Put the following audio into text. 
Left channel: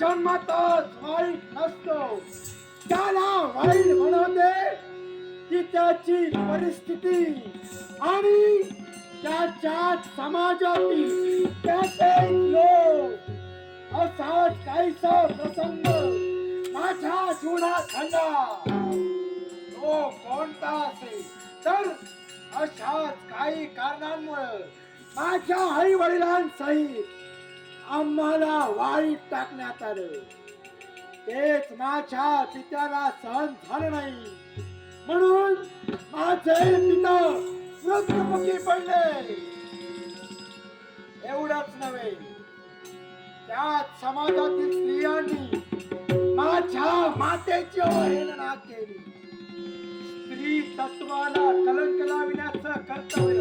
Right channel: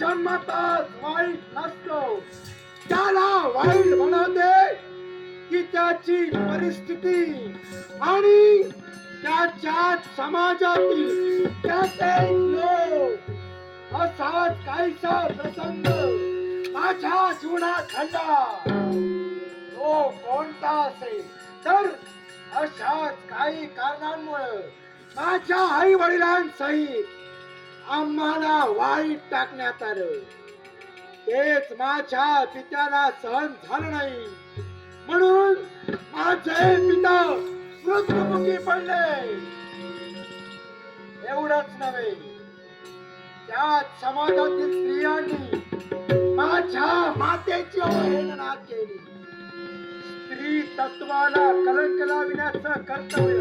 जन्मताच वाईट नसतो, त्याला वाईट बनवते की त्याची परिस्थिती आणि त्याच्या समाजातील त्याचे लोक. असाच काहीसा प्रसंग माझ्या जीवनात घडला. तो कोणता असेल तर अशाच काही कारणांमुळे माझ्या आई वडिलांसहित आम्हाला वाईट टाकण्यात आलं. तेच माझ्या पित्याला सहन झालं नाही, म्हणून माझे पिता मृत्युमुखी पडले. एवढंच नव्हे, त्याच समाजातील स्त्रियांनी माझ्या मातेची अवहेलना केली. स्त्री तत्वाला कलंक लाविण्याचं कर्तव्य